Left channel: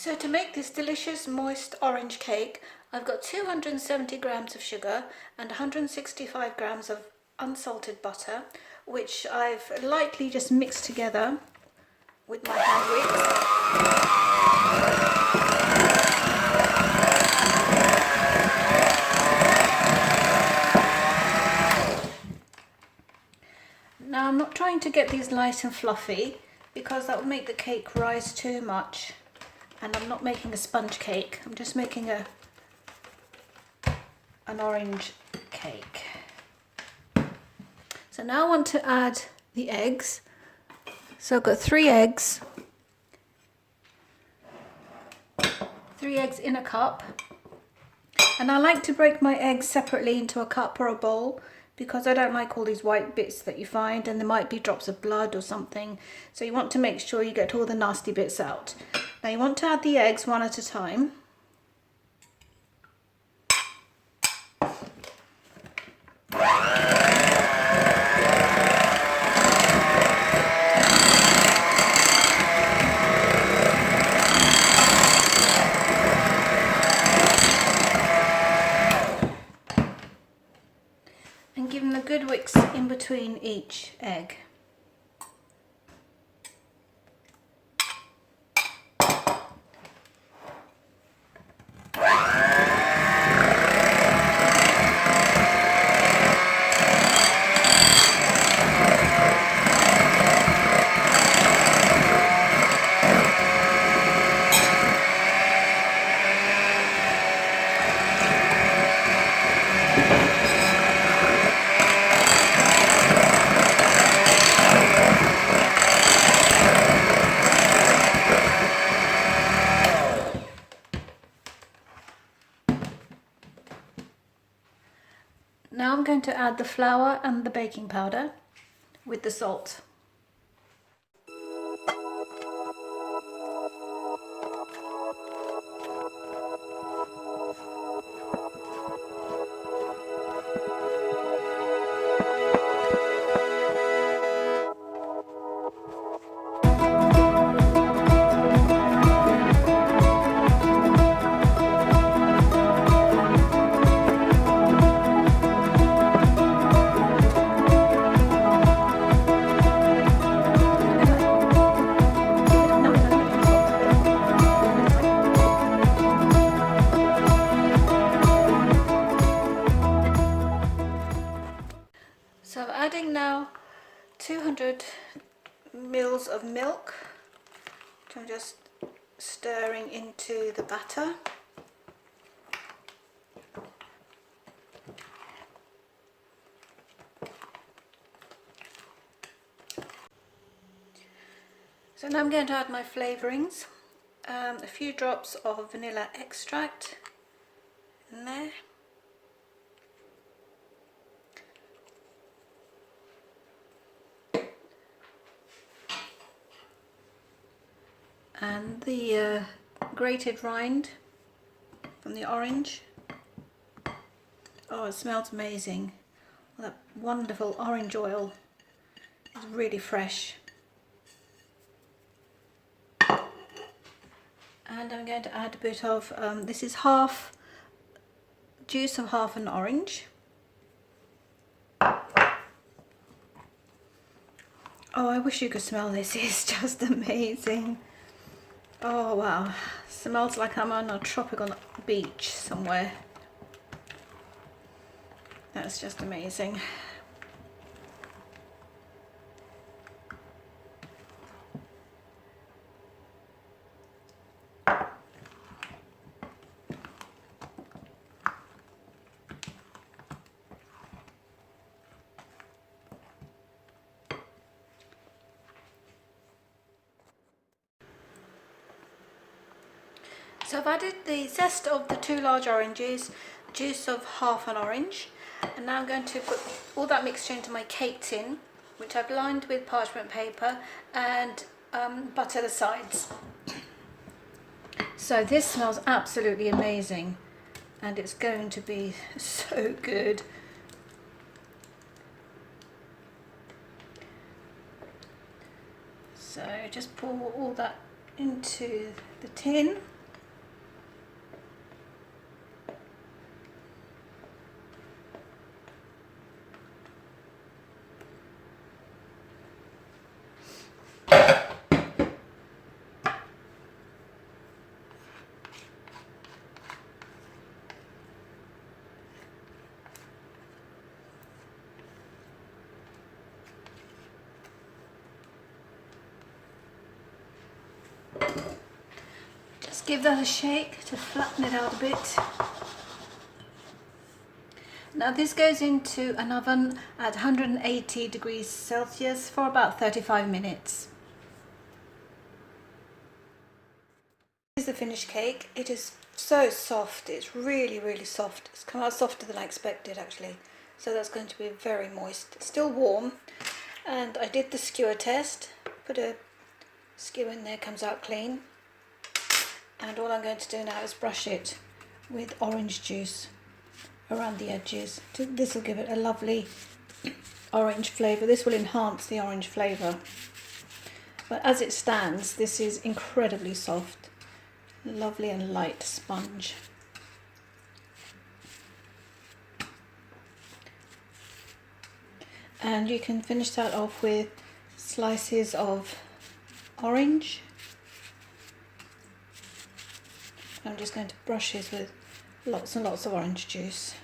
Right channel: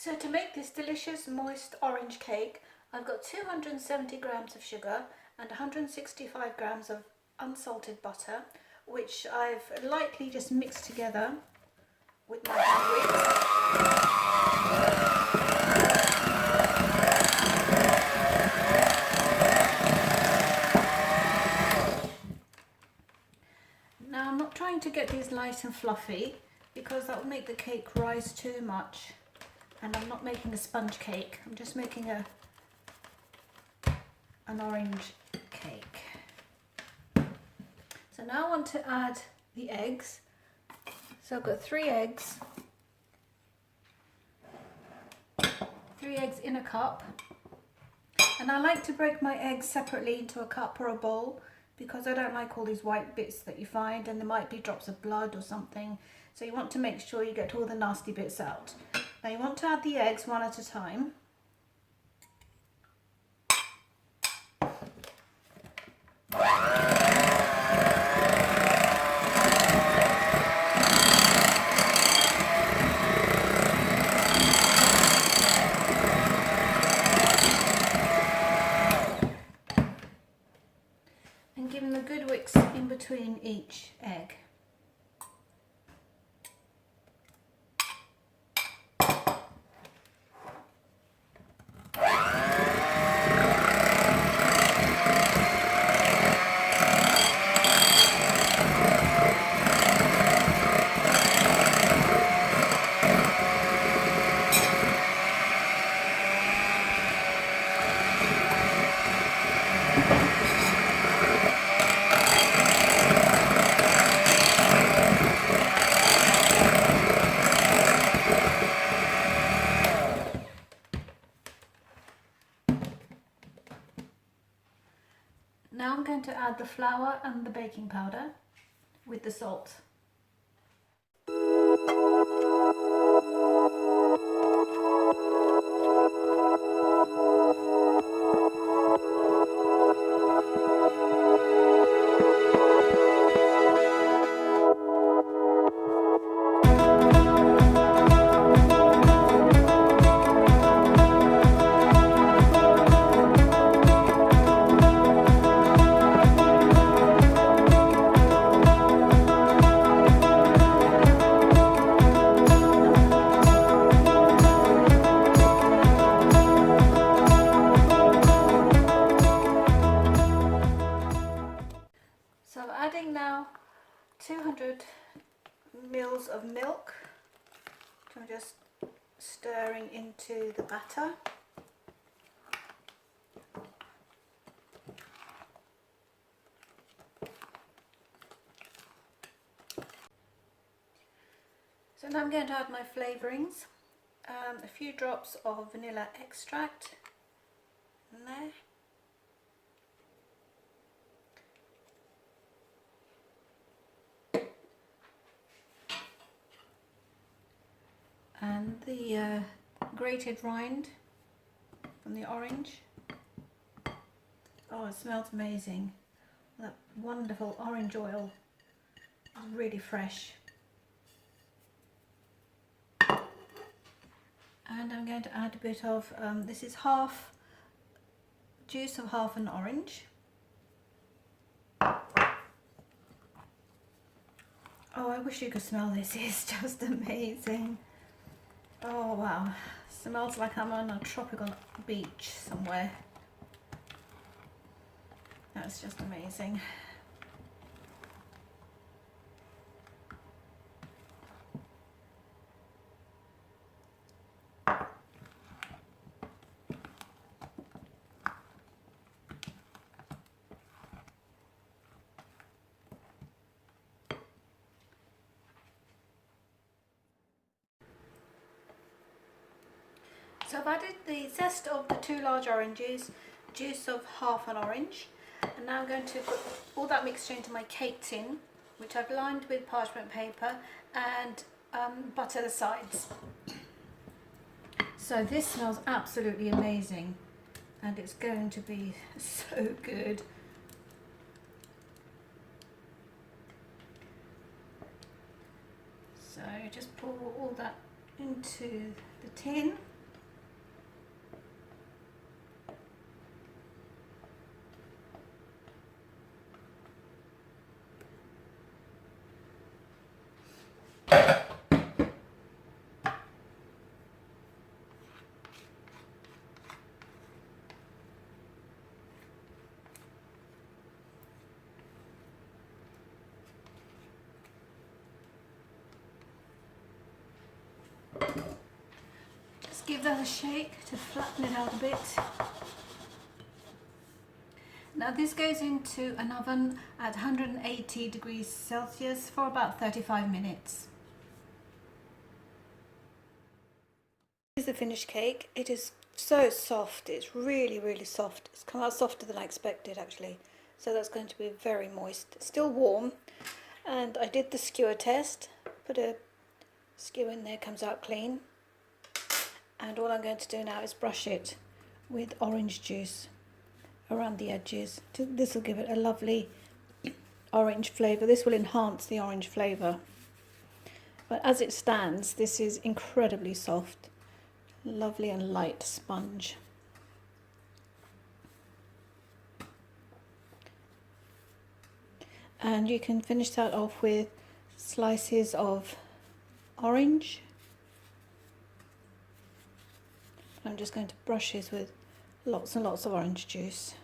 So to make this delicious moist orange cake, I've got 270 grams of sugar and 165 grams of unsalted butter, which I've lightly just mixed together with my hand whisk. Now I'm not trying to get these light and fluffy because that will make the cake rise too much. And I'm not making a sponge cake, I'm just making an orange cake. So now I want to add the eggs. So I've got 3 eggs. 3 eggs in a cup. And I like to break my eggs separately into a cup or a bowl because I don't like all these white bits that you find, and there might be drops of blood or something. So you want to make sure you get all the nasty bits out. Now you want to add the eggs one at a time. And give them a good whisk in between each egg. Now I'm going to add the flour and the baking powder with the salt. So adding now 200 mils of milk, which I'm just stirring into the batter. So now I'm going to add my flavourings, a few drops of vanilla extract in there. And the grated rind from the orange. Oh, it smells amazing. That wonderful orange oil is really fresh. And I'm going to add a bit of, this is half juice of half an orange. Oh, I wish you could smell this, it's just amazing. Oh wow, smells like I'm on a tropical beach somewhere. That's just amazing. So I've added the zest of the 2 large oranges, juice of half an orange, and now I'm going to put all that mixture into my cake tin, which I've lined with parchment paper, and butter the sides. So this smells absolutely amazing, and it's going to be so good. So just pour all that into the tin. Just give that a shake to flatten it out a bit. Now this goes into an oven at 180 degrees Celsius for about 35 minutes. This is the finished cake. It is so soft. It's really soft. It's come out softer than I expected actually. So that's going to be very moist. It's still warm. And I did the skewer test. Put a skewer in there, comes out clean. And all I'm going to do now is brush it with orange juice around the edges. This will give it a lovely orange flavour. This will enhance the orange flavour. But as it stands, this is incredibly soft. Lovely and light sponge. And you can finish that off with slices of orange. I'm just going to brush this with lots and lots of orange juice.